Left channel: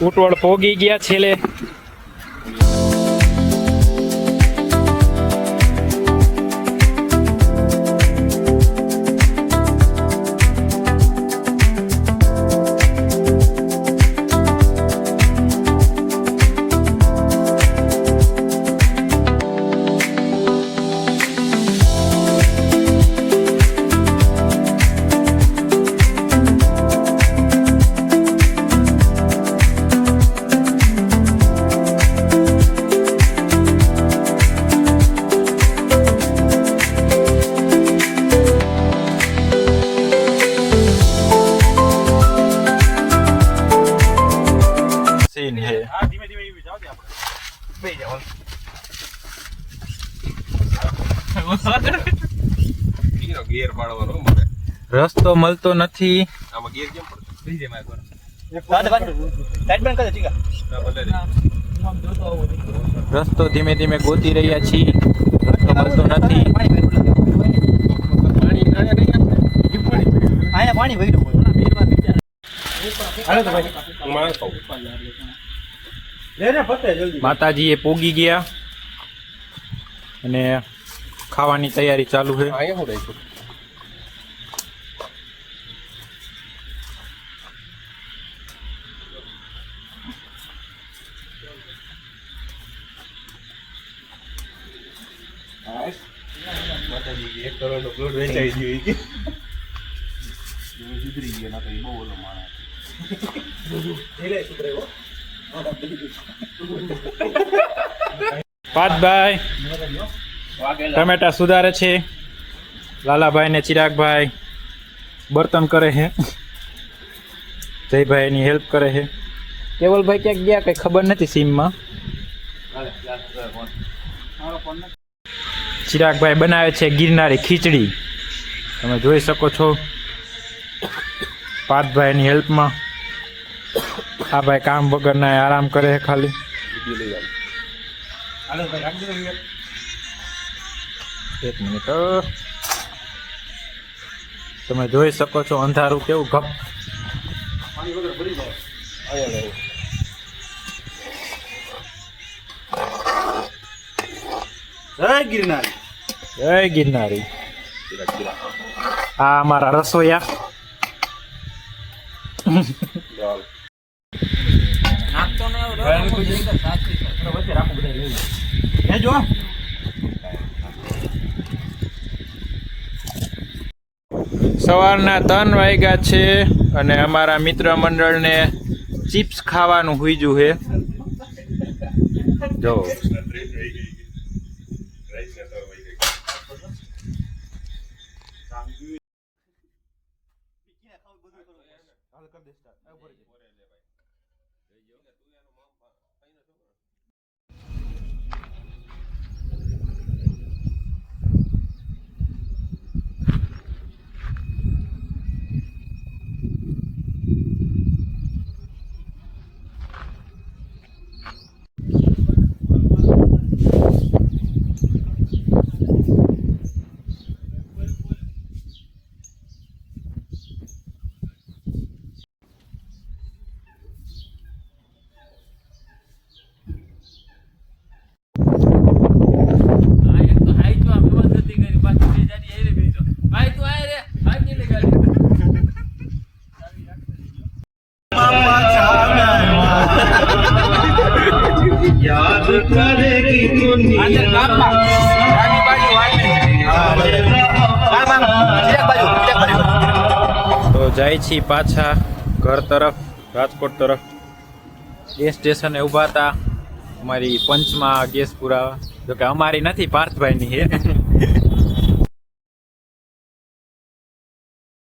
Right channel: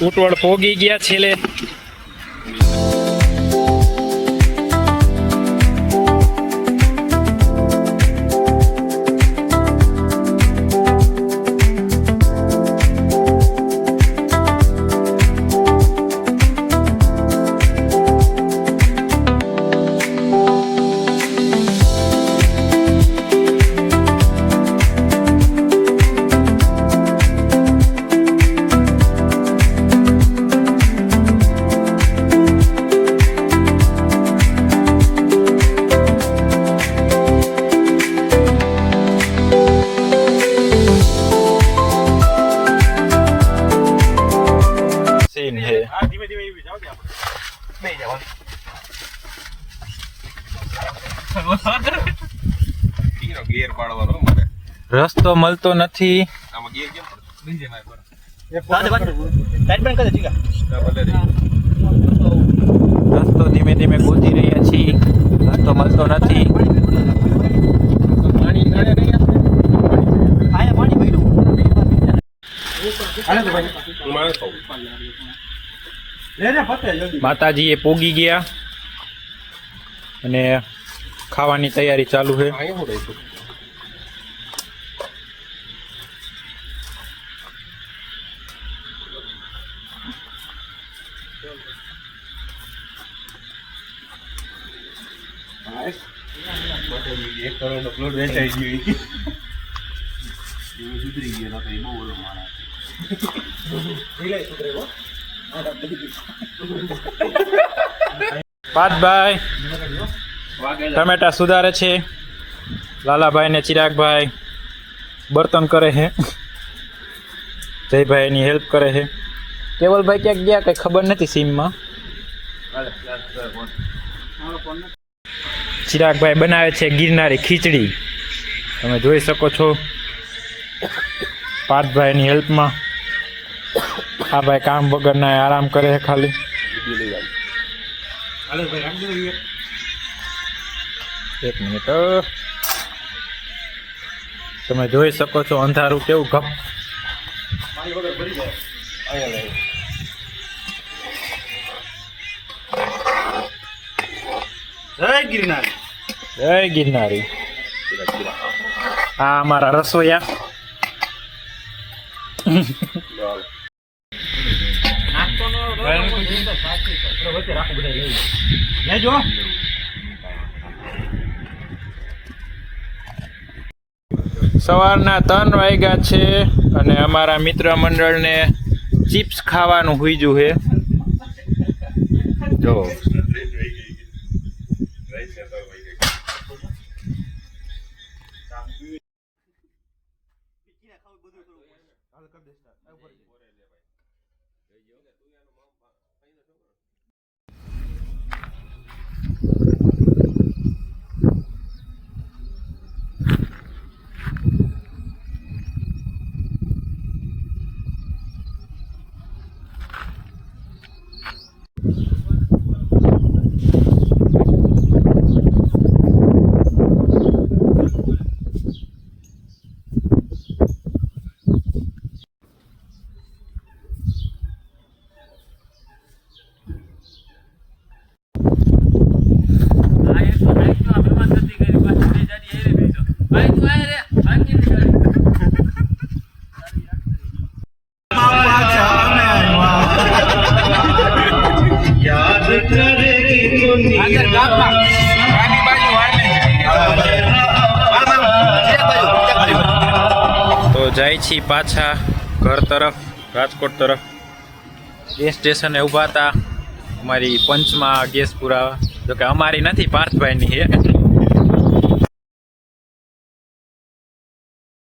ઉટવળ પોગી ગયા છેલ્લે. બે જાવ ઈનો પાડવાનો મારે રસ્તો મળતો નથી. આમાં ગિયર કેમ પડતો બીજે માર પર ના ભલે રે રસ્તો ધીમે ધીમે ગોતી રહ્યા છીએ. રસ્તો મળતો નથી. પાણી પાણી નહીં માતાજી એ પોગી ગયા અને ખાવાની તૈયારી ચાલુ છે. એક કરોડ નો પ્લોટ વેચાઈ ગયો ઈ કે. સુધરી ગયો બહુ ઓલો માણસ. પાતભાઈ ટમેટા સુધારે છે. લાલાભાઈ ને ચિરાગભાઈ બર્તન કરે છે. જયભાઈ એની હેલ્પ કરે છે. કેવલભાઈ ક્યાંક ગયા, કઈ ખબર નથી સીમમાં ચિરાગભાઈ બનાવે છે ગિરનારી ખીચડી. તમે જોઈ શકો છો. પાર્થભાઈની હેલ્પમાં આ ભાઈ કામ વગરના આરામ કરે છે ખાલી. એક મિનિટ તમે જોઈ શકો છો અંધારું કેવું ગપ. જય. ગિરનાર. જય ગિરનારી. આ અમારા રસોઈયા લેજો સવારના ત્રણ વાગ્યા છે અને અમારા મિત્ર મંડળને ચિપ્સ ખાવાનું હુઈજું છે જો. để vô. તો જાય છે પાછા ઘર તરફ, રાજકોટ તરફ. ગેસ સ્ટેશને ઊભા હતા. અમારી પંચમાં ગેસ પુરાવા. જોકે અમારી નથી, પાર્થભાઈની છે.